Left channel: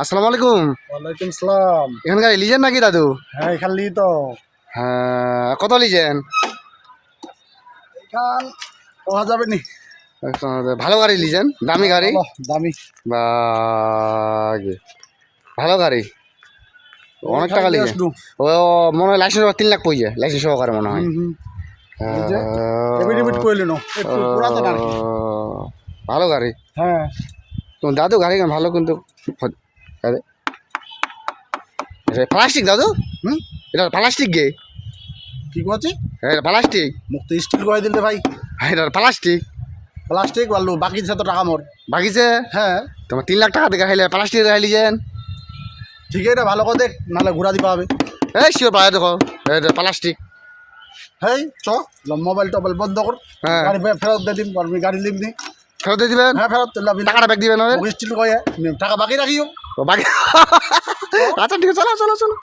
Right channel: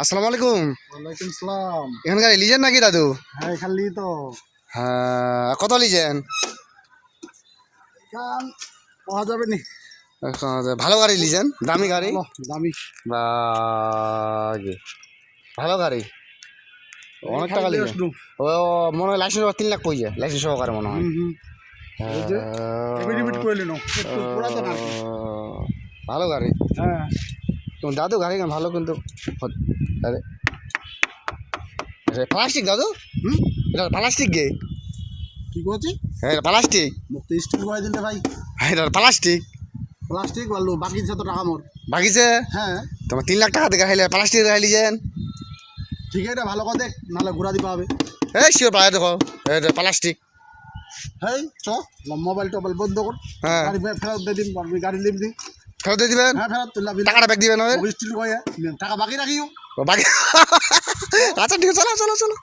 আসসালামু আলাইকুম। ওয়ালাইকুম সালাম। এখানকার লিজেন নাকি দাদু? হ্যাঁ এখান তো হ্যাঁ, কত লিজেন? এখান পাওয়া যাবে নি। ভালো গাড়ি লিজেন, দামি গাড়ি ভালো দামি বা ভালো গাড়ি, অনেক টাকা লিজেন। ও মনে হয় লাইসেন্স 3 লাখ পড়ছে, লাইসেন্স সহকারে মনে হয়। এই যে এবিডিবিট কইলেন একটু পুরাতন আর কি। ভালো গাড়ি। হ্যাঁ তোমার দাদু গাড়ি ভালো কিন্তু প্লাস্টিক দাদু। এটা প্লাস্টিক গে? কি করছি? হ্যাঁ প্লাস্টিক। মুক্ত স্টিল করে দিলে ভাই। হ্যাঁ এটা প্লাস্টিক। প্লাস্টিক ভালো, বাকি 7 টাকা মোর বাকিছে হ্যাঁ তোমার 3 লাখ টাকা থেকে খাইলে প্লাস্টিক খাইলি যেন। ঠিক আছে, ভালো করে দেখ, নাহলে ঘুরা দিবা হবে। হ্যাঁ শিওর পায়ে দেখো, প্লাস্টিক। হ্যাঁ চ মোবাইল টোবাইল বন্ধ কর। হ্যাঁ গাড়ি ফেরত দিয়ে দিন, আমি গাড়ি লিখ দিই। ফেরত দিয়ে দিবেন? হ্যাঁ ফেরত টাকাটা ব্যাক দিবেন? স্টিল করে টাকা বাকি রাখিও বাকি। আচ্ছা ঠিক আছে, চলো চলো চলো।